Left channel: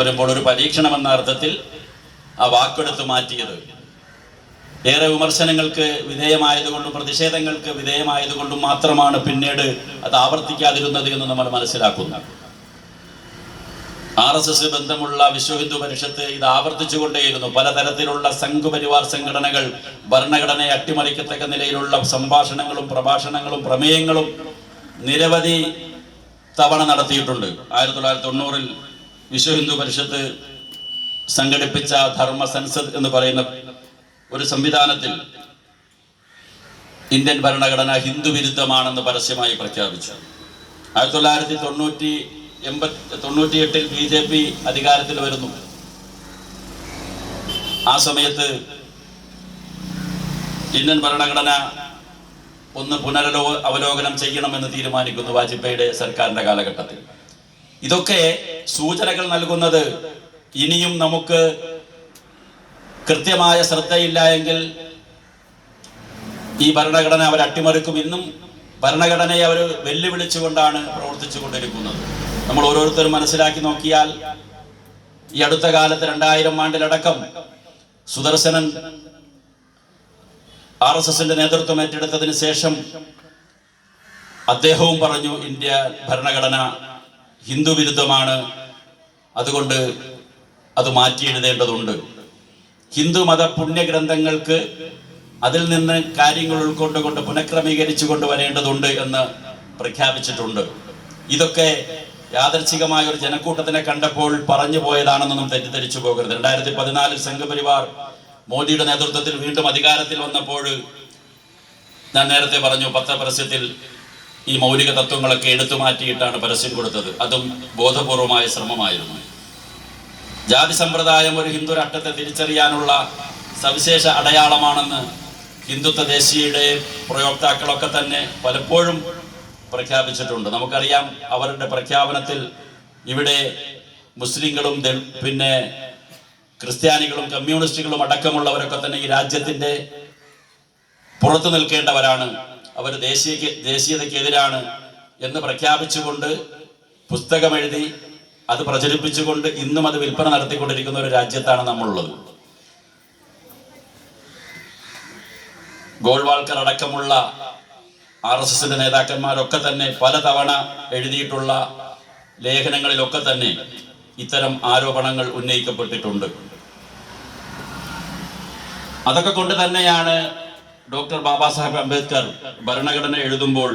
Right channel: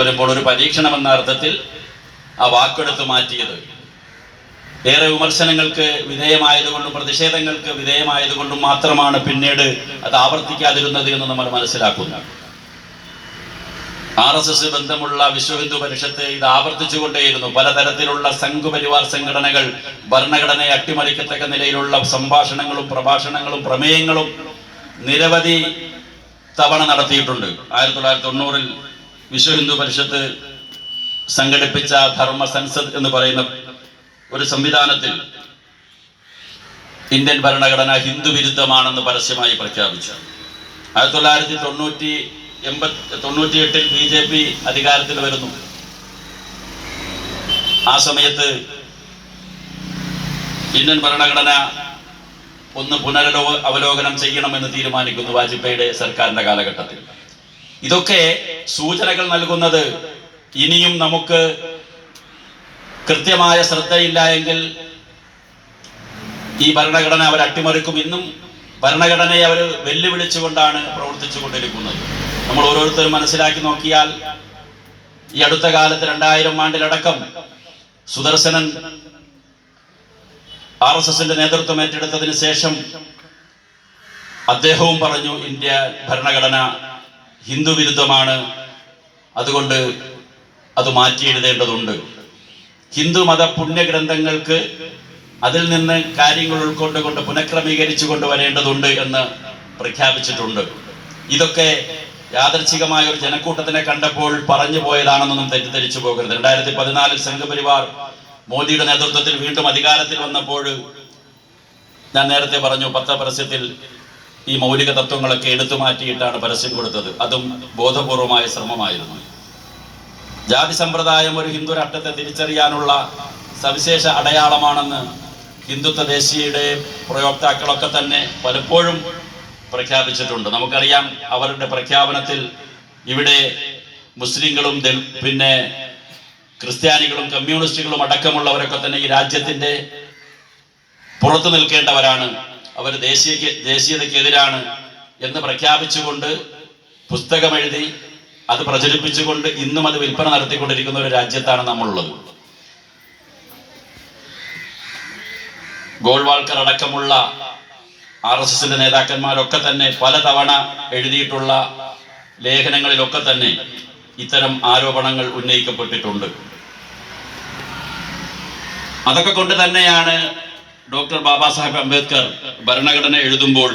വരുമ്പോൾ ഒരു പരീക്ഷണം എന്ന അർത്ഥത്തിൽ ആ വാക്കെടുത്ത് മാറ്റിയത്. ഏറെ വിമർശനങ്ങൾക്ക് വിധേയമായതുകൊണ്ടും പ്രതിഷേധങ്ങൾക്ക് വിധേയമായതുകൊണ്ടും മാത്രമാണ് പിന്നീട് അത് ആവർത്തിക്കാതിരുന്നത് എന്ന് നമ്മൾ മനസ്സിലാക്കുന്നു ആർ എസ് എസ് ബന്ധമുള്ള വിശ്വ ഹിന്ദു പരിഷത്ത് ഇത് ആവർത്തിച്ചുകൊണ്ടേയിരുന്നു. പലതരത്തിലുള്ള സംഘപരിവാർ സംഘടനകൾ ഭരണഘടനയെ അട്ടിമറിക്കത്തക്ക നിലയിലുള്ള സംഭാഷണങ്ങളും പ്രഭാഷണങ്ങളും പ്രമേയങ്ങളും നിരവധി തവണ നടത്തിയിട്ടുണ്ട്. ആയിരത്തി തൊള്ളായിരത്തി തൊണ്ണൂറിൽ വിശ്വ ഹിന്ദു പരിഷത്ത് സംഘടിപ്പിച്ച ധർമ്മ സൻസദ് എന്ന് പറയുന്ന ഒരു സംവിധാനത്തിൽ ഇന്ത്യൻ ഭരണഘടന ഹിന്ദു വിരുദ്ധമാണെന്ന് പരസ്യമായി പ്രഖ്യാപിച്ചു. ആയിരത്തി തൊള്ളായിരത്തി തൊണ്ണൂറ്റി എൺപത്തി തൊണ്ണൂറ്റിയെട്ടിൽ ബി ജെ പി അധികാരത്തിൽ വരുന്നു. ആ സമയത്ത് ഇന്ത്യൻ ഭരണഘടന ഒന്ന് പുനരവലോകനം ചെയ്യണമെന്ന് തീരുമാനിക്കുന്നു വാജ്പേയിയുടെ സർക്കാരിന്റെ കാലഘട്ടത്തിൽ. ഇതൊക്കെ സൂചനകൾ നൽകുന്നത് ഇനിയും നമുക്ക് കൃത്യമായ ശ്രദ്ധയില്ല എങ്കിൽ ഈ ഭരണഘടന അവർ അട്ടിമറിക്കും. ഇന്നും ഭരണഘടനയെ അവർ വെല്ലുവിളിച്ചുകൊണ്ടാണ് പ്രവർത്തിച്ചു കൊണ്ടിരിക്കുന്നത് നമ്മൾ ഓരോരുത്തരും മനസ്സിലാക്കി നോക്കിയാൽ ഈ അടുത്ത കാലത്ത് രണ്ടായിരം ആണ്ടിലടക്കം സുദർശനൻ ആർ എസ് എസിന്റെ നേതൃത്വം ഏറ്റെടുത്തതിന് ശേഷം അദ്ദേഹവും പറഞ്ഞു ഇന്ത്യ ഭരണഘടന ഹിന്ദു വിരുദ്ധമാണ്. അതുകൊണ്ട് അത് മാറ്റി എഴുതേണ്ടതുണ്ട്. ഹിന്ദു മത പുണ്യഗ്രന്ഥങ്ങൾക്ക് അതിൽ നിന്ന് കാര്യങ്ങൾ ഉൾക്കൊണ്ടുകൊണ്ട് പുനഃക്രമീകരിച്ചു കൊണ്ടുവരേണ്ടതുണ്ട് എന്ന് പ്രഖ്യാപിച്ചിട്ടുണ്ട്. ഇതൊക്കെ യാദർച്ഛികമായ ഒരു ജനക്കൂട്ടത്തിനെ കണ്ടപ്പോൾ പറഞ്ഞു പോയതാണെന്നൊന്നും തെറ്റിദ്ധരിച്ചു പോകരുത്. രണ്ടായിരത്തി പതിനാലിൽ സംഘപരിവാർ മോദിയുടെ നേതൃത്വത്തിൽ വീണ്ടും അധികാരത്തിൽ വന്നപ്പോൾ ഞാൻ നേരത്തെ പറഞ്ഞു പത്രപരസ്യത്തിൽ ഈ മൗലിക തത്വങ്ങളൊക്കെ എടുത്തു മാറ്റിയിട്ടാണ് പരസ്യം കൊടുത്തത്. അതും ബോധപൂർവമായ ശ്രമമായിരുന്നു. ജാതി സമ്പ്രദായം ഒരു ഹിന്ദു രാഷ്ട്രത്തെ തിരിച്ചറിയാനുള്ള സവിശേഷ അടയാളമാണെന്ന് ഹിന്ദുത്വ ദേശീയയുടെ പ്രയോക്താക്കളൊക്കെ തന്നെ പലപ്പോഴും പ്രഖ്യാപിച്ചിട്ടുണ്ട്. നമുക്കറിയാം അവരുടെ പ്രഖ്യാപനത്തിൽ ഇവിടെ മുസ്ലിങ്ങളും പിന്നെ ക്രിസ്ത്യാനികളും കമ്മ്യൂണിസ്റ്റുകളും അടക്കമുള്ളവരൊക്കെ തന്നെ ഈ രാജ്യത്തിന്റെ പുറത്തു നിൽക്കേണ്ടവരാണ്. അവർ ദേശീയ ദേശീയതയ്ക്കെതിരാണ് എന്ന് പ്രഖ്യാപിച്ചുകൊണ്ട് പുസ്തകമെഴുതി അത് പ്രചരിപ്പിച്ചുകൊണ്ട് ഇന്നും അത് വിൽപ്പന നടത്തിക്കൊണ്ടിരിക്കുന്ന ഒരു രാജ്യത്താണ് നമ്മളുള്ളത്. ഗോൾവാൾക്കർ അടക്കമുള്ള ആർ എസ് എസിന്റെ നേതാക്കന്മാരൊക്കെ തന്നെ പലതവണ എഴുതിയിട്ടുള്ള ലേഖനങ്ങളിലൊക്കെ തന്നെ ഇത്തരം ആരോപണങ്ങൾ ഉന്നയിക്കപ്പെട്ടിട്ടുണ്ട്. അതൊക്കെ കൊണ്ട് തന്നെയാണ് ഡോക്ടർ ബാബാ സാഹേബ് അംബേദ്കർ ഭരണഘടന എഴുതുമ്പോൾ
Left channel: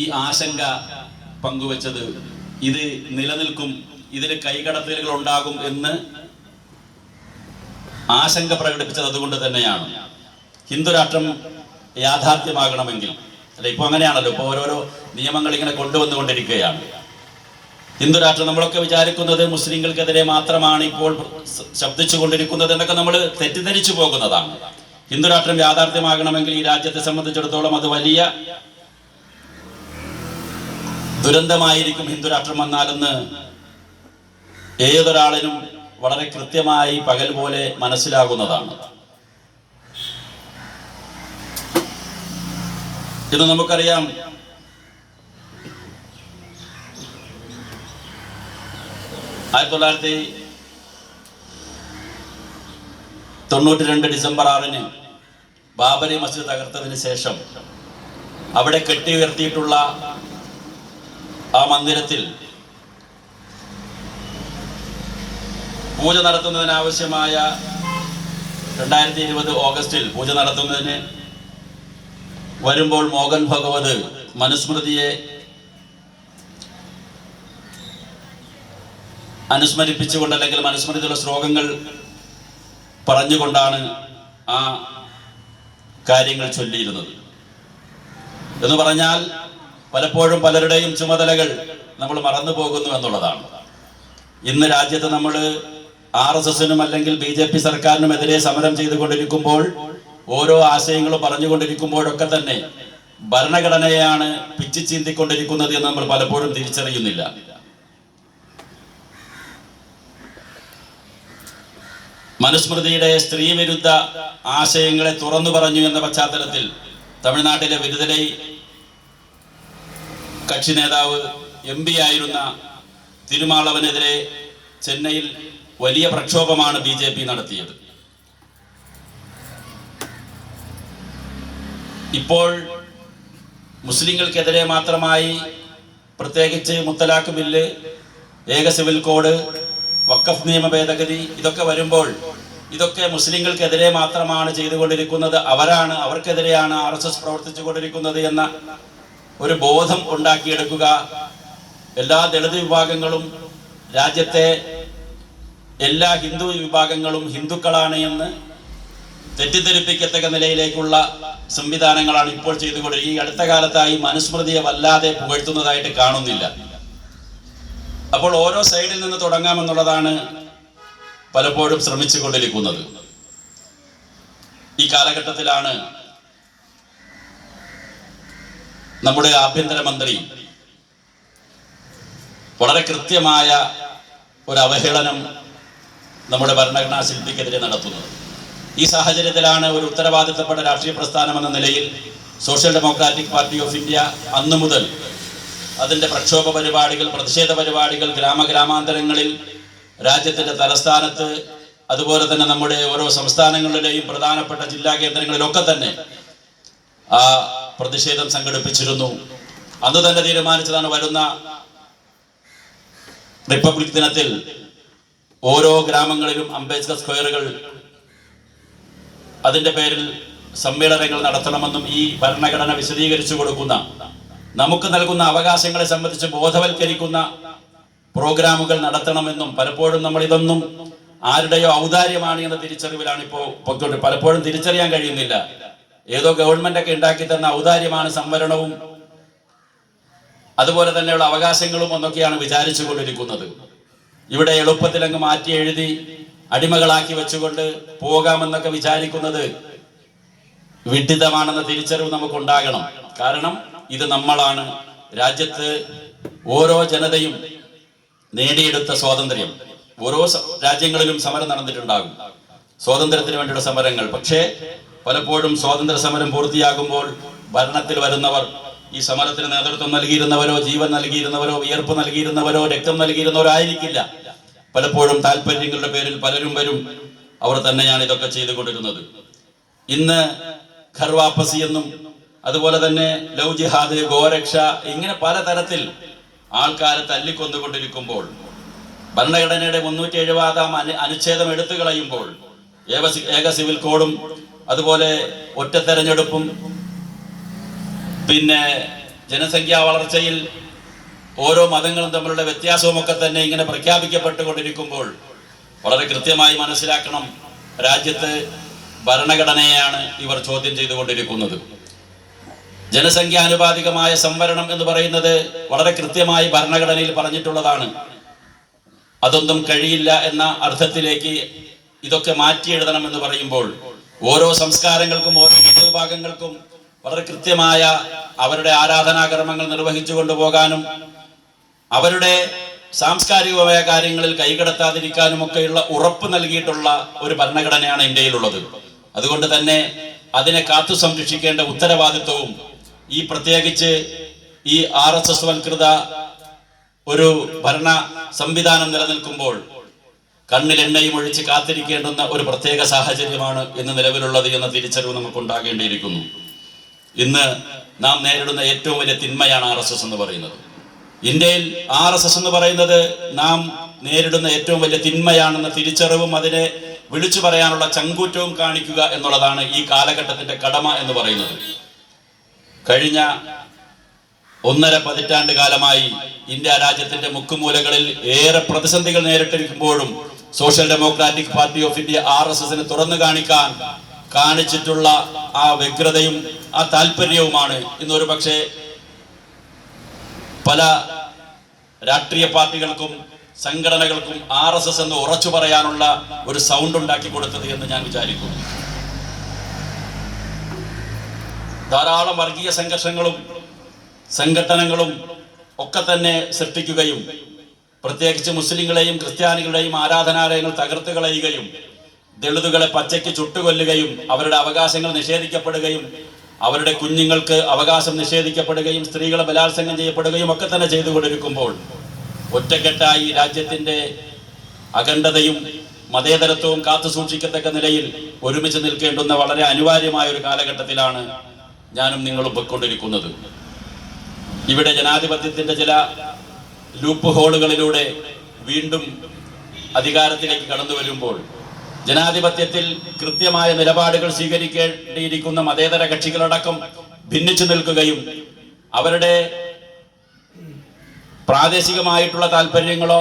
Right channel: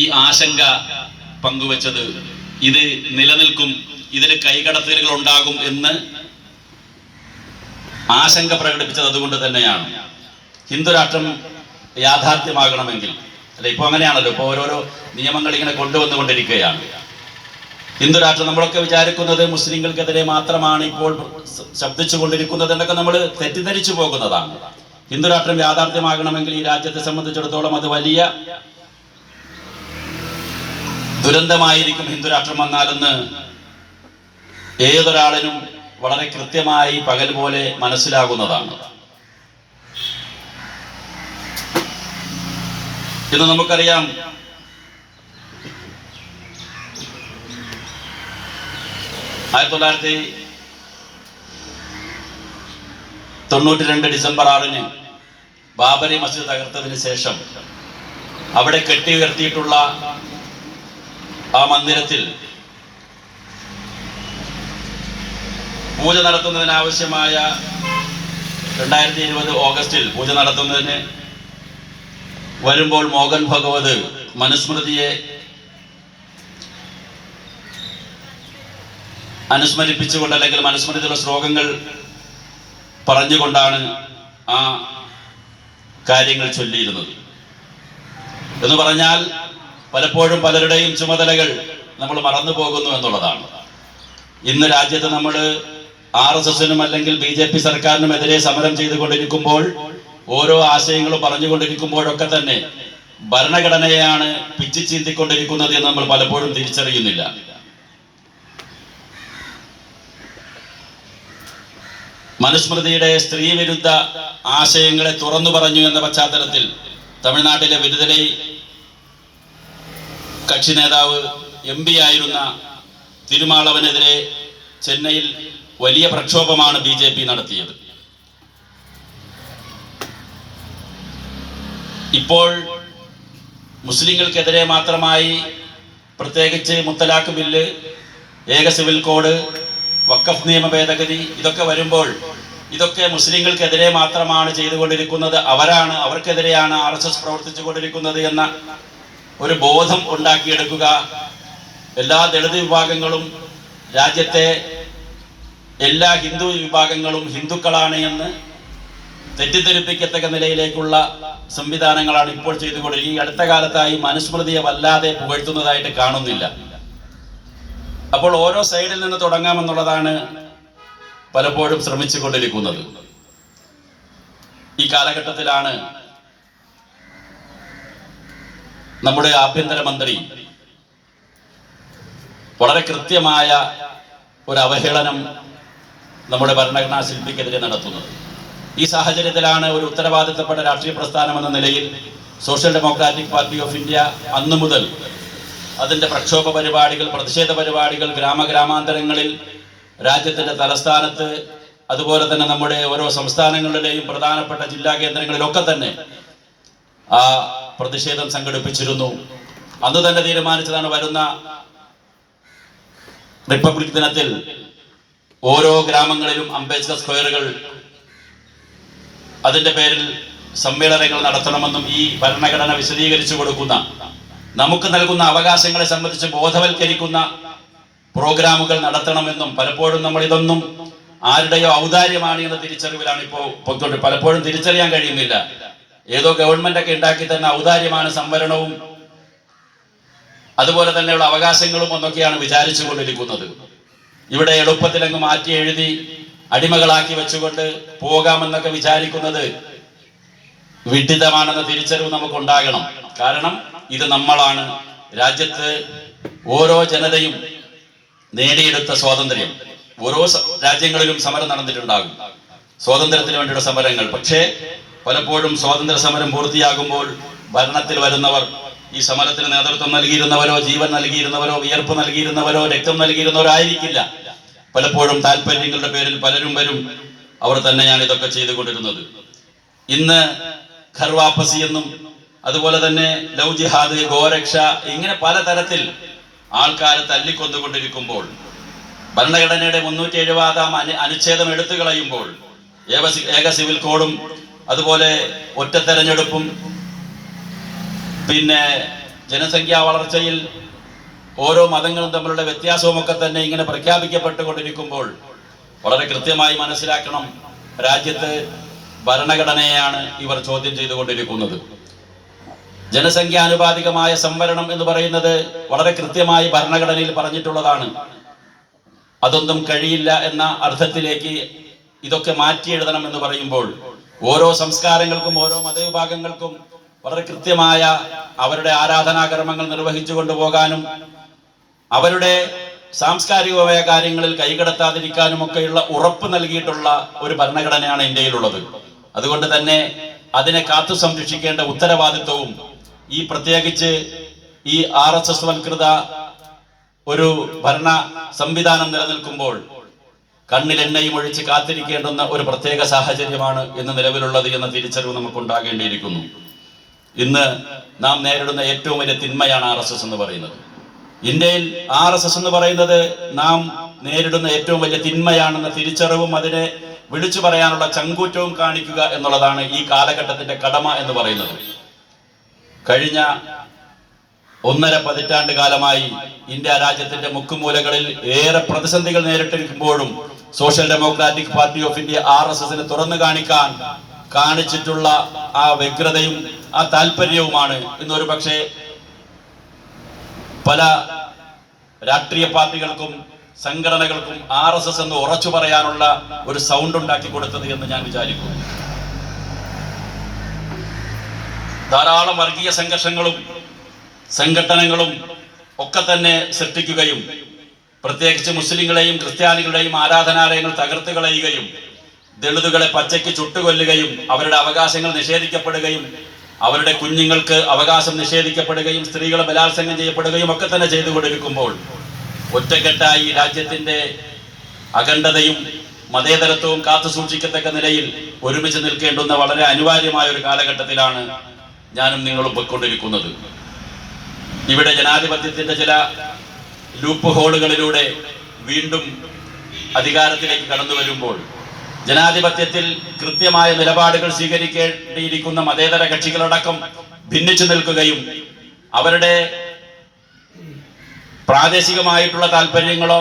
ഈ ആശങ്ക പങ്കുവച്ചത് ഇത് നിലനിൽക്കും ഇതിൽ കൈകടത്തലുകൾ ഉണ്ടാകും എന്ന് ആശങ്ക പ്രകടിപ്പിച്ചത് അതുകൊണ്ട് തന്നെയാണ്. ഹിന്ദു രാഷ്ട്രം യാഥാർത്ഥ്യമാകണമെങ്കിൽ അല്ല ഇപ്പൊ അങ്ങനെയാണല്ലോ ഇപ്പൊ ഓരോരോ നിയമങ്ങൾ ഇങ്ങനെ കൊണ്ടുവന്നുകൊണ്ടിരിക്കുകയാണ്. ഹിന്ദു രാഷ്ട്രം നമ്മളൊക്കെ വിചാരിക്കുന്നത് മുസ്ലിങ്ങൾക്കെതിരെ മാത്രമാണ് ഇപ്പോൾ ശബ്ദിച്ചു കൊണ്ടിരിക്കുന്നത് എന്നൊക്കെ നമ്മൾ തെറ്റിദ്ധരിച്ചു പോകുന്നതാണ്. ഹിന്ദുരാഷ്ട്രം യാഥാർത്ഥ്യമാകണമെങ്കിൽ ഈ രാജ്യത്തെ സംബന്ധിച്ചിടത്തോളം അത് വലിയ ദുരന്തമായിരിക്കും ഹിന്ദു രാഷ്ട്രം വന്നാലെന്ന് ഏതൊരാളിനും വളരെ കൃത്യമായി പകൽ പോലെ മനസ്സിലാകുന്നതാണ്. ഇന്ന് നമുക്കറിയാം ആയിരത്തി തൊള്ളായിരത്തി തൊണ്ണൂറ്റി രണ്ട് ഡിസംബർ ആറിന് ബാബരി മസ്ജിദ് തകർത്തതിന് ശേഷം അവിടെ കെട്ടി ഉയർത്തിയിട്ടുള്ള ആ മന്ദിരത്തിൽ പൂജ നടത്തുന്നതിനാവശ്യമായ രണ്ടായിരത്തി ഇരുപത് ഓഗസ്റ്റിൽ പൂജ നടത്തുന്നതിന് വരുമ്പോൾ മോഹൻ ഭഗവത് മനുസ്മൃതിയെ അനുസ്മരിപ്പിച്ചുകൊണ്ട് അല്ലെങ്കിൽ മനുസ്മരിച്ചുള്ള ശ്ലോകങ്ങൾ പറഞ്ഞുകൊണ്ടാണ് ആ കാര്യങ്ങൾ ചൊല്ലിയിരുന്നത്. എന്ന് പറഞ്ഞാൽ പലപ്പോഴും പലരുടെയും ചുമതലകൾ നമ്മൾ മറന്നു പോകുന്നു എന്നുള്ളതാണ്. ഇന്ന് രാജ്യത്ത് നമ്മൾ ആർ എസ് എസിനും അല്ലെങ്കിൽ ബി ജെ പി സർക്കാരിനും എതിരെ സമരം ചെയ്തുകൊണ്ടിരിക്കുമ്പോൾ ഓരോ ആശയങ്ങളും പറഞ്ഞുകൊണ്ടിരിക്കുമ്പോഴൊക്കെ തന്നെ ഭരണഘടനയാണ് പിച്ചു ചീന്തിക്കൊണ്ടിരിക്കുന്നത് എന്ന് നമ്മൾ പലപ്പോഴും തിരിച്ചറിയുന്നില്ല. മനുസ്മൃതിയുടെ സ്ത്രീ വിരുദ്ധ ആശയങ്ങളെ തുറന്നു പറഞ്ഞു എന്ന പശ്ചാത്തലത്തിൽ തമിഴ്നാട്ടിലെ വിരുദ്ധരൈ കക്ഷി നേതാവ് എം പി ആയിരുന്ന തിരുമാളവനെതിരെ ചെന്നൈയിൽ വലിയ പ്രക്ഷോഭമാണ് ബി ജെ പി നടത്തിയത്. ഇപ്പോൾ മുസ്ലിങ്ങൾക്കെതിരെ മാത്രമായി പ്രത്യേകിച്ച് മുത്തലാഖ് ബില്ല് ഏക സിവിൽ കോഡ് വക്കഫ് നിയമ ഭേദഗതി ഇതൊക്കെ വരുമ്പോൾ ഇതൊക്കെ മുസ്ലിങ്ങൾക്കെതിരെ മാത്രമാണ് ചെയ്തുകൊണ്ടിരിക്കുന്നത്. അവരാണ് അവർക്കെതിരെയാണ് ആർ എസ് എസ് പ്രവർത്തിച്ചു കൊണ്ടിരിക്കുന്നത് എന്ന ഒരു ബോധം ഉണ്ടാക്കിയെടുക്കുക. എല്ലാ ദളിത് വിഭാഗങ്ങളും രാജ്യത്തെ എല്ലാ ഹിന്ദു വിഭാഗങ്ങളും ഹിന്ദുക്കളാണ് എന്ന് തെറ്റിദ്ധരിപ്പിക്കത്തക്ക നിലയിലേക്കുള്ള സംവിധാനങ്ങളാണ് ഇപ്പോൾ ചെയ്തുകൊണ്ടിരിക്കുന്നത്. ഈ അടുത്ത കാലത്തായി മനുസ്മൃതിയെ വല്ലാതെ പുകഴ്ത്തുന്നതായിട്ട് കാണുന്നില്ല. അപ്പോൾ ഓരോ സൈഡിൽ നിന്ന് തുടങ്ങാമെന്നുള്ളതാണ് പലപ്പോഴും ശ്രമിച്ചു കൊണ്ടിരിക്കുന്നത് ഈ കാലഘട്ടത്തിലാണ് നമ്മുടെ ആഭ്യന്തരമന്ത്രി വളരെ കൃത്യമായ ഒരു അവഹേളനം നമ്മുടെ ഭരണഘടനാ ശില്പിക്കെതിരെ നടത്തുന്നത്. ഈ സാഹചര്യത്തിലാണ് ഒരു ഉത്തരവാദിത്തപ്പെട്ട രാഷ്ട്രീയ പ്രസ്ഥാനം എന്ന നിലയിൽ social democratic party of India അന്നു മുതൽ അതിന്റെ പ്രക്ഷോഭ പരിപാടികൾ പ്രതിഷേധ പരിപാടികൾ ഗ്രാമഗ്രാമാന്തരങ്ങളിൽ രാജ്യത്തിന്റെ തലസ്ഥാനത്ത് അതുപോലെ തന്നെ നമ്മുടെ ഓരോ സംസ്ഥാനങ്ങളുടെയും പ്രധാനപ്പെട്ട ജില്ലാ കേന്ദ്രങ്ങളിലൊക്കെ തന്നെ ആ പ്രതിഷേധം സംഘടിപ്പിച്ചിരുന്നു. അന്ന് തന്നെ തീരുമാനിച്ചതാണ് വരുന്ന റിപ്പബ്ലിക് ദിനത്തിൽ ഓരോ ഗ്രാമങ്ങളിലും അംബേദ്കർ സ്ക്വയറുകൾ അതിന്റെ പേരിൽ സമ്മേളനങ്ങൾ നടത്തണമെന്നും ഈ ഭരണഘടന വിശദീകരിച്ചു കൊടുക്കുന്ന നമുക്ക് നൽകുന്ന അവകാശങ്ങളെ സംബന്ധിച്ച് ബോധവൽക്കരിക്കുന്ന പ്രോഗ്രാമുകൾ നടത്തണമെന്നും പലപ്പോഴും നമ്മൾ ഇതൊന്നും ആരുടെയോ ഔദാര്യമാണ് എന്ന തിരിച്ചറിവിലാണ് ഇപ്പോൾ പൊക്കോട്ട് പലപ്പോഴും തിരിച്ചറിയാൻ കഴിയുന്നില്ല. ഏതോ ഗവൺമെന്റ് ഒക്കെ ഉണ്ടാക്കി തന്ന ഔദാര്യമാണ് സംവരണവും അതുപോലെ തന്നെയുള്ള അവകാശങ്ങളും എന്നൊക്കെയാണ് വിചാരിച്ചു കൊണ്ടിരിക്കുന്നത്. ഇവിടെ എളുപ്പത്തിൽ അങ്ങ് മാറ്റി എഴുതി അടിമകളാക്കി വെച്ചുകൊണ്ട് പോകാമെന്നൊക്കെ വിചാരിക്കുന്നത് വിഡിതമാണെന്ന തിരിച്ചറിവ് നമുക്ക് ഉണ്ടാകണം കാരണം ഇത് നമ്മളാണ്. രാജ്യത്ത് ഓരോ ജനതയും നേടിയെടുത്ത സ്വാതന്ത്ര്യം. ഓരോ രാജ്യങ്ങളിലും സമരം നടന്നിട്ടുണ്ടാകും. സ്വാതന്ത്ര്യത്തിന് വേണ്ടിയുള്ള സമരങ്ങൾ. പക്ഷേ പലപ്പോഴും സ്വാതന്ത്ര്യ സമരം പൂർത്തിയാകുമ്പോൾ ഭരണത്തിൽ വരുന്നവർ ഈ സമരത്തിന് നേതൃത്വം നൽകിയിരുന്നവരോ ജീവൻ നൽകിയിരുന്നവരോ വിയർപ്പ് നൽകിയിരുന്നവരോ രക്തം നൽകിയിരുന്നവരോ ആയിരിക്കില്ല പലപ്പോഴും താല്പര്യങ്ങളുടെ പേരിൽ പലരും വരും. അവർ തന്നെയാണ് ഇതൊക്കെ ചെയ്തു കൊണ്ടിരുന്നത് ഇന്ന് ഖർവാപ്പസി എന്നും അതുപോലെ തന്നെ ലവ് ജിഹാദ് ഗോരക്ഷ ഇങ്ങനെ പലതരത്തിൽ ആൾക്കാരെ തല്ലിക്കൊന്നുകൊണ്ടിരിക്കുമ്പോൾ ഭരണഘടനയുടെ മുന്നൂറ്റി എഴുപതാം അനു അനുച്ഛേദം എടുത്തു കളയുമ്പോൾ ഏക ഏക സിവിൽ കോഡും അതുപോലെ ഒറ്റ തെരഞ്ഞെടുപ്പും പിന്നെ ജനസംഖ്യാ വളർച്ചയിൽ ഓരോ മതങ്ങളും തമ്മിലുള്ള വ്യത്യാസവുമൊക്കെ തന്നെ ഇങ്ങനെ പ്രഖ്യാപിക്കപ്പെട്ടുകൊണ്ടിരിക്കുമ്പോൾ വളരെ കൃത്യമായി മനസ്സിലാക്കണം രാജ്യത്ത് ഭരണഘടനയാണ് ഇവർ ചോദ്യം ചെയ്തുകൊണ്ടിരിക്കുന്നത്. ജനസംഖ്യാനുപാതികമായ സംവരണം എന്ന് പറയുന്നത് വളരെ കൃത്യമായി ഭരണഘടനയിൽ പറഞ്ഞിട്ടുള്ളതാണ്. അതൊന്നും കഴിയില്ല എന്ന അർത്ഥത്തിലേക്ക് ഇതൊക്കെ മാറ്റി എഴുതണം എന്ന് പറയുമ്പോൾ ഓരോ സംസ്കാരങ്ങൾക്കും ഓരോ മതവിഭാഗങ്ങൾക്കും വളരെ കൃത്യമായ അവരുടെ ആരാധനാകർമ്മങ്ങൾ നിർവഹിച്ചു കൊണ്ടുപോകാനും അവരുടെ സാംസ്കാരികമായ കാര്യങ്ങളിൽ കൈകടത്താതിരിക്കാനും ഒക്കെയുള്ള ഉറപ്പ് നൽകിയിട്ടുള്ള ഒരു ഭരണഘടനയാണ് ഇന്ത്യയിലുള്ളത്. അതുകൊണ്ട് തന്നെ അതിനെ കാത്തു സംരക്ഷിക്കേണ്ട ഉത്തരവാദിത്വവും ഈ പ്രത്യേകിച്ച് ഈ ആർ എസ് എസ് വൽകൃത ഒരു ഭരണ സംവിധാനം നിലനിൽക്കുമ്പോൾ കണ്ണിൽ എണ്ണയും ഒഴിച്ച് കാത്തിരിക്കേണ്ടുന്ന ഒരു പ്രത്യേക സാഹചര്യമാണ് ഇന്ന് നിലവിലുള്ളത് എന്ന തിരിച്ചറിവ് നമുക്ക് ഉണ്ടാകേണ്ടിയിരിക്കുന്നു ഇന്ന് നാം നേരിടുന്ന ഏറ്റവും വലിയ തിന്മയാണ് ആർ എസ് എസ് എന്ന് പറയുന്നത്. ഇന്ത്യയിൽ ആർ എസ് എസ് എന്ന് പറയുന്നത് നാം നേരിടുന്ന ഏറ്റവും വലിയ തിന്മയാണെന്ന തിരിച്ചറിവും അതിനെ വിളിച്ചു പറയാനുള്ള ചങ്കൂറ്റവും കാണിക്കുക എന്നുള്ളതാണ് ഈ കാലഘട്ടത്തിന്റെ കടമ എന്ന് പറയുന്നത്. കഴിഞ്ഞ ഒന്നര പതിറ്റാണ്ട് കാലമായി ഇന്ത്യ രാജ്യത്തിന്റെ മുക്കുമൂലകളിൽ ഏറെ പ്രതിസന്ധികൾ നേരിട്ടിരിക്കുമ്പോഴും social democratic party of India R S എസിന് തുറന്നു കാണിക്കാൻ കാണിച്ചിട്ടുള്ള ആ വ്യഗ്രതയും ആ താല്പര്യവുമാണ് ഇന്നൊരു പക്ഷേ പല രാഷ്ട്രീയ പാർട്ടികൾക്കും സംഘടനകൾക്കും ആർ എസ് എസ് എന്ന് ഉറച്ചു പറയാനുള്ള ഒരു സൗണ്ട് ഉണ്ടാക്കി കൊടുത്തത് എന്ന് ഞാൻ വിചാരിക്കുന്നു. ധാരാളം വർഗീയ സംഘർഷങ്ങളും സംഘടനകളും ഒക്കെ തന്നെ സൃഷ്ടിക്കുകയും പ്രത്യേകിച്ച് മുസ്ലിങ്ങളെയും ക്രിസ്ത്യാനികളുടെയും ആരാധനാലയങ്ങൾ തകർത്തു കളയുകയും ദളിതുകളെ പച്ചയ്ക്ക് ചുട്ടുകൊല്ലുകയും അവരുടെ അവകാശങ്ങൾ നിഷേധിക്കപ്പെടുകയും അവരുടെ കുഞ്ഞുങ്ങൾക്ക് അവകാശം നിഷേധിക്കപ്പെടുകയും സ്ത്രീകളെ ബലാത്സംഗം ചെയ്യപ്പെടുകയും ഒക്കെ തന്നെ ചെയ്തു ചെയ്തുകൊണ്ടിരിക്കുമ്പോൾ ഒറ്റക്കെട്ടായി രാജ്യത്തിന്റെ അഖണ്ഡതയും മതേതരത്വവും കാത്തു സൂക്ഷിക്കത്തക്ക നിലയിൽ ഒരുമിച്ച് നിൽക്കേണ്ടുന്ന വളരെ അനിവാര്യമായ ഒരു കാലഘട്ടത്തിലാണ് ഞാനും നിങ്ങളും പൊയ്ക്കൊണ്ടിരിക്കുന്നത്. ഇവിടെ ജനാധിപത്യത്തിന്റെ ചില ലൂപ്പ് ഹോളുകളിലൂടെ വീണ്ടും അധികാരത്തിലേക്ക് കടന്നു വരുമ്പോൾ ജനാധിപത്യത്തിൽ കൃത്യമായ നിലപാടുകൾ സ്വീകരിക്കേണ്ടിയിരിക്കുന്ന മതേതര കക്ഷികളടക്കം ഭിന്നിച്ചു നിൽക്കുകയും അവരുടെ പ്രാദേശികമായിട്ടുള്ള താല്പര്യങ്ങളോ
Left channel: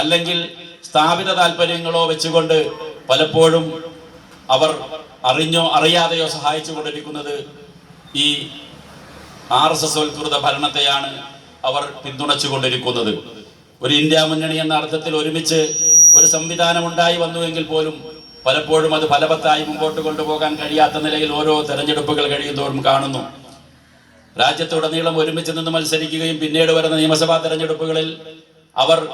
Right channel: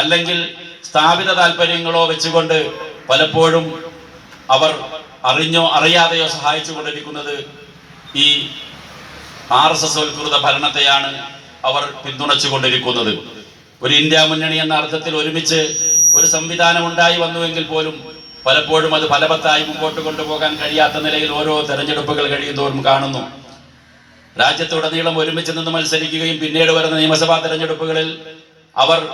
അല്ലെങ്കിൽ സ്ഥാപിത താല്പര്യങ്ങളോ വെച്ചുകൊണ്ട് പലപ്പോഴും അവർ അറിഞ്ഞോ അറിയാതെയോ സഹായിച്ചു കൊണ്ടിരിക്കുന്നത് ഈ ആർ എസ് എസ് വൽകൃത ഭരണത്തെയാണ് അവർ പിന്തുണച്ചു കൊണ്ടിരിക്കുന്നത് ഒരു ഇന്ത്യ മുന്നണി എന്ന അർത്ഥത്തിൽ ഒരുമിച്ച് ഒരു സംവിധാനം ഉണ്ടായി വന്നുവെങ്കിൽ പോലും പലപ്പോഴും അത് ഫലവത്തായി മുമ്പോട്ട് കൊണ്ടുപോകാൻ കഴിയാത്ത നിലയിൽ ഓരോ തെരഞ്ഞെടുപ്പുകൾ കഴിയുന്നതോറും കാണുന്നു. രാജ്യത്തുടനീളം ഒരുമിച്ച് നിന്ന് മത്സരിക്കുകയും പിന്നീട് വരുന്ന നിയമസഭാ തെരഞ്ഞെടുപ്പുകളിൽ അവർ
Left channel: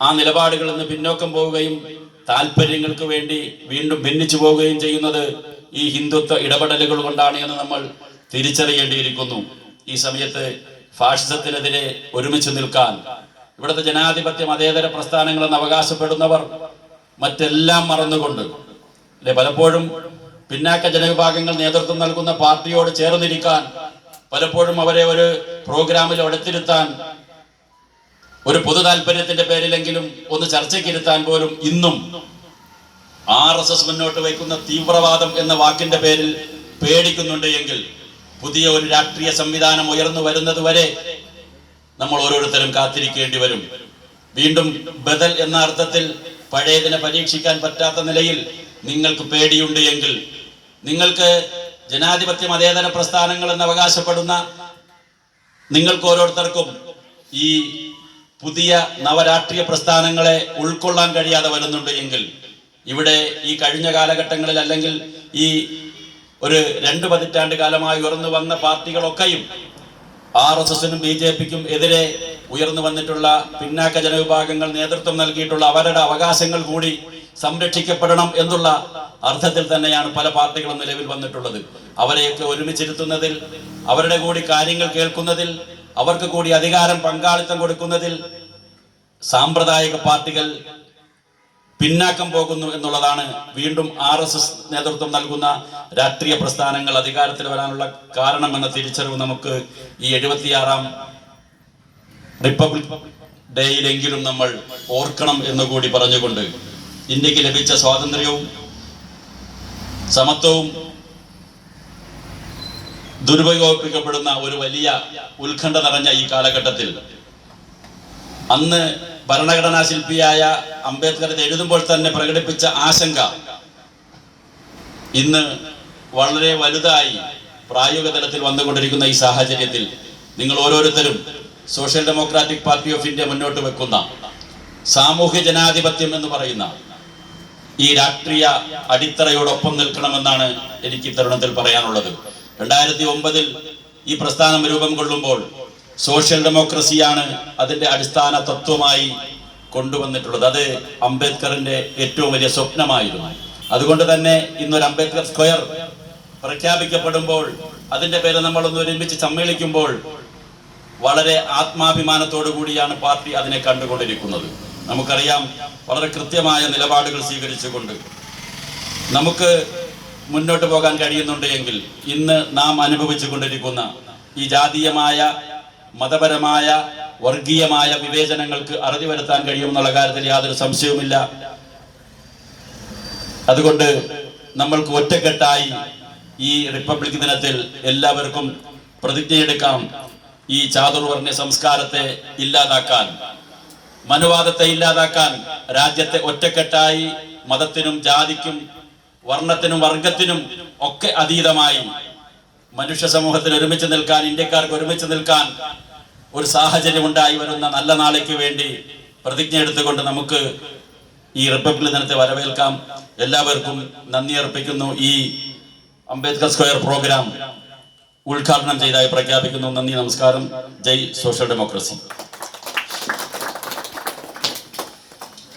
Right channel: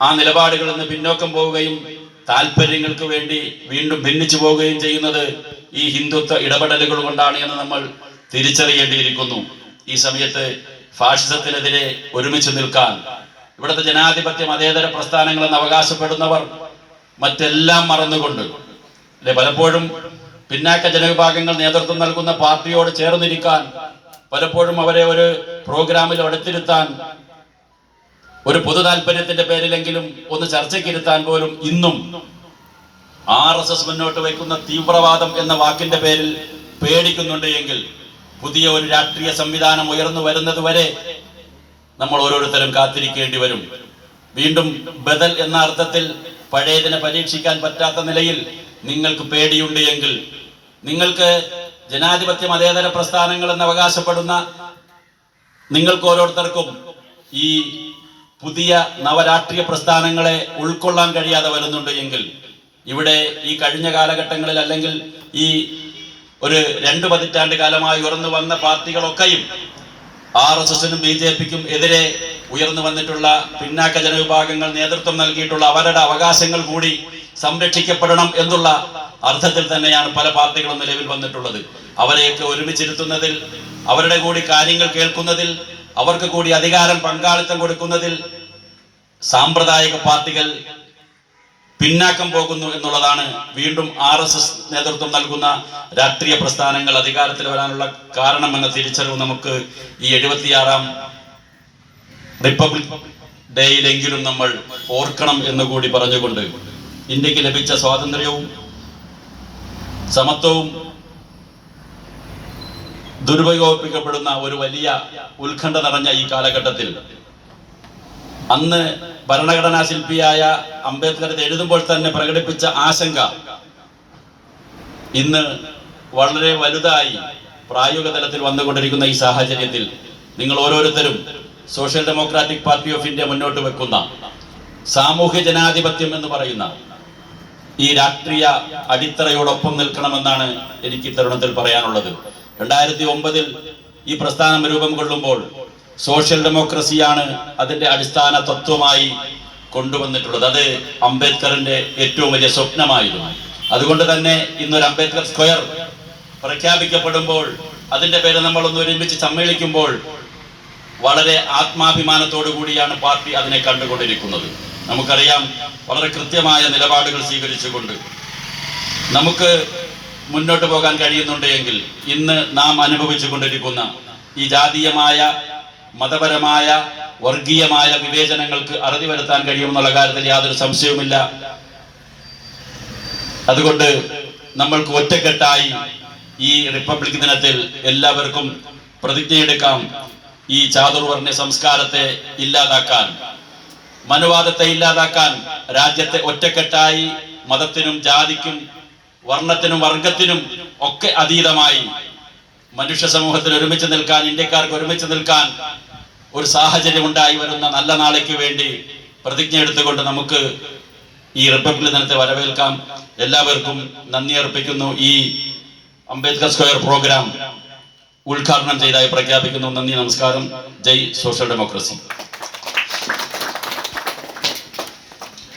ആ നിലപാടുകളിൽ നിന്ന് പിന്നോക്കം പോവുകയും താല്പര്യങ്ങൾക്ക് വേണ്ടി വീണ്ടും ഭിന്നിച്ചു പോവുകയും ചെയ്യുന്നത് ഈ ഹിന്ദുത്വ ഇടപെടലുകൾ കൊണ്ടാണ് എന്ന് നമ്മൾ തിരിച്ചറിയേണ്ടിയിരിക്കുന്നു. ഈ സമയത്ത് ഫാഷിസത്തിനെതിരെ ഒരുമിച്ച് നിൽക്കാൻ ഇവിടുത്തെ ജനാധിപത്യ മതേതര പ്രസ്ഥാനങ്ങളെന്ന് അവകാശപ്പെടുന്നവർ മറ്റെല്ലാം മറന്നുകൊണ്ട് അല്ലെ പലപ്പോഴും പിന്നാക്ക ജനവിഭാഗങ്ങൾ നേതൃത്വം നൽകുന്ന പാർട്ടിയോട് ചേർന്നിരിക്കാൻ പലപ്പോഴും അവരെ ഒരു പ്രോഗ്രാമിൽ അടുത്തിരുത്താൻ ഒരു പൊതു താല്പര്യത്തിന്റെ പേരിലെങ്കിലും ഒന്ന് ചർച്ചയ്ക്കിരുത്താൻ പോലും ഇന്നും ആർ എസ് എസ് മുന്നോട്ട് വയ്ക്കുന്ന തീവ്രവാദം എന്ന വാക്കിന്റെ പേരിൽ പേടിക്കുന്നുണ്ട് എങ്കിൽ പുതിയ ഒരു രാഷ്ട്രീയ സംവിധാനം ഉയർന്നു വരുന്നത് വരെ നമ്മൾ ഓരോരുത്തരും കാത്തിരിക്കേണ്ടി വരും. വീണ്ടും ബദൽ എന്ന അർത്ഥത്തിൽ പഴയതിനെ പരീക്ഷിക്കാൻ പറ്റാത്ത നിലയിൽ നിങ്ങൾക്ക് പേടിയുണ്ട് എങ്കിൽ നിങ്ങൾക്ക് ജനാധിപത്യ മതേതര പ്രസ്ഥാനങ്ങൾ എന്ന് അവകാശപ്പെടുന്ന നിങ്ങൾക്ക് ഓരോരുത്തർക്കും ഈ പുതിയ നവരാഷ്ട്രീയ പ്രസ്ഥാനങ്ങളെ ഉൾക്കൊള്ളാൻ കഴിയാതെ വരുന്നുണ്ട് എങ്കിൽ ഇവിടെ ഈ കഴിഞ്ഞ കാലഘട്ടങ്ങളിൽ അല്ലെങ്കിൽ ഈ ഒരു രണ്ട് പതിറ്റാണ്ട് കാലമായി ഉയർന്നു വന്ന പാർട്ടികളൊക്കെയും ആർ എസ് എസിനും ബി ജെ പിക്കും എതിരെ ഉയർന്നു വന്നിട്ടുള്ള പിന്നാക്ക ജനവിഭാഗങ്ങൾ നേതൃത്വം നൽകിയിട്ടുള്ള അവരുടെ അവകാശങ്ങൾ കൂടി സംരക്ഷിക്കപ്പെടണം എന്നുള്ള അർത്ഥത്തിൽ തന്നെയാണ് പല പാർട്ടികളും നിലവിൽ വന്നിട്ടുള്ളത്. അവരെയൊക്കെ ഒരുമിച്ചിരുത്തുന്നതിൽ അവരുടെ കൂടി കാര്യങ്ങൾ കേൾക്കുന്നതിൽ അവർക്ക് കൂടി അധികാരം പങ്കാളിത്തം കൊടുക്കുന്നതിൽ സാമ്പ്രദായിക പാർട്ടികൾ പിന്നാക്കം പോകുന്നു എന്നുള്ളതാണ് വീണ്ടും ആർ എസ് എസ് നേതൃത്വം നൽകുന്ന രാഷ്ട്രീയ പ്രസ്ഥാനങ്ങൾ അധികാരത്തിൽ വരാനുള്ള കാരണമെന്ന തിരിച്ചറിവ് നമുക്ക് ഈ എഴുപത്തിയാറാം റിപ്പബ്ലിക് ഡേയിലെങ്കിലും നമ്മൾ ഓർക്കണം എന്ന് കൂടി പറഞ്ഞുകൊണ്ട് ഇന്ത്യയ്ക്ക് ലഭിച്ച സ്വാതന്ത്ര്യവും സമത്വവും ദുരുപയോഗിക്കപ്പെടുന്ന ഒരു വലിയ ഉത്കണ്ഠ നിറഞ്ഞ ഈ കാലഘട്ടത്തിൽ അന്ന് ഭരണഘടനാ ശില്പിയായ അംബേദ്കർ എഴുതുമ്പോൾ തന്നെ പ്രകടിപ്പിച്ച ആശങ്ക ഇന്ന് വളരെ വലുതായി പ്രായോഗിക തലത്തിൽ വന്നുകൊണ്ടിരിക്കുന്ന ഈ സാഹചര്യത്തിൽ നിങ്ങൾ ഓരോരുത്തരും social democratic party of India മുന്നോട്ട് വെക്കുന്ന സാമൂഹ്യ ജനാധിപത്യം എന്ന് പറയുന്ന ഈ രാഷ്ട്രീയ അടിത്തറയോടൊപ്പം നിൽക്കണമെന്നാണ് എനിക്ക് തരുണത്തിൽ പറയാനുള്ളത്. രണ്ടായിരത്തി ഒമ്പതിൽ ഈ പ്രസ്ഥാനം രൂപം കൊള്ളുമ്പോൾ സോഷ്യൽ ഡെമോക്രസിയാണ് അതിന്റെ അടിസ്ഥാന തത്വമായി കൊണ്ടുവന്നിട്ടുള്ളത്. അത് അംബേദ്കറിന്റെ ഏറ്റവും വലിയ സ്വപ്നമായിരുന്നു. അതുകൊണ്ട് തന്നെ ഇന്നൊരു അംബേദ്കർ സ്ക്വയർ പ്രഖ്യാപിക്കപ്പെടുമ്പോൾ അതിന്റെ പേര് നമ്മൾ ഒന്ന് ഒരുമിച്ച് സമ്മേളിക്കുമ്പോൾ വളരെ ആത്മാഭിമാനത്തോടു കൂടിയാണ് പാർട്ടി അതിനെ കണ്ടുകൊണ്ടിരിക്കുന്നത്. നമുക്കറിയാം വളരെ കൃത്യമായ നിലപാടുകൾ സ്വീകരിച്ചുകൊണ്ട് നമുക്ക് മുന്നോട്ട് പോകാൻ കഴിയുന്നുണ്ട് എങ്കിൽ ഇന്ന് നാം അനുഭവിച്ചു കൊണ്ടിരിക്കുന്ന ഈ ജാതീയമായ മതപരമായ വർഗീയമായ വിവേചനങ്ങൾക്ക് അറുതി വരുത്താൻ കഴിയുമെന്നുള്ള കാര്യത്തിൽ യാതൊരു സംശയവുമില്ല. അതുകൊണ്ട് നമ്മൾക്ക് ഒറ്റക്കെട്ടായി ഈ റിപ്പബ്ലിക് ദിനത്തിൽ എല്ലാവർക്കും പ്രതിജ്ഞയെടുക്കാം ഈ ചാതുർവർണ സംസ്കാരത്തെ ഇല്ലാതാക്കാൻ. മനുവാദത്തെ ഇല്ലാതാക്കാൻ രാജ്യത്തെ ഒറ്റക്കെട്ടായി മതത്തിനും ജാതിക്കും വർണത്തിനും വർഗത്തിനും ഒക്കെ അതീതമായി മനുഷ്യ സമൂഹത്തിൽ ഒരുമിച്ച് നിൽക്കാൻ ഇന്ത്യക്കാർക്ക് ഒരുമിച്ച് നിൽക്കാൻ ഒരു സാഹചര്യം ഉണ്ടായി വരുന്ന നല്ല നാളേക്ക് വേണ്ടി പ്രതിജ്ഞ എടുത്തുകൊണ്ട് നമുക്ക് ഈ റിപ്പബ്ലിക് ദിനത്തെ വരവേൽക്കാം. എല്ലാവർക്കും നന്ദി അർപ്പിക്കുന്നു. ഈ അംബേദ്കർ സ്ക്വയർ പ്രോഗ്രാം ഉദ്ഘാടനം ചെയ്തായി പ്രഖ്യാപിക്കുന്നു. നന്ദി നമസ്കാരം. ജയ് സോഷ്യൽ ഡെമോക്രസി.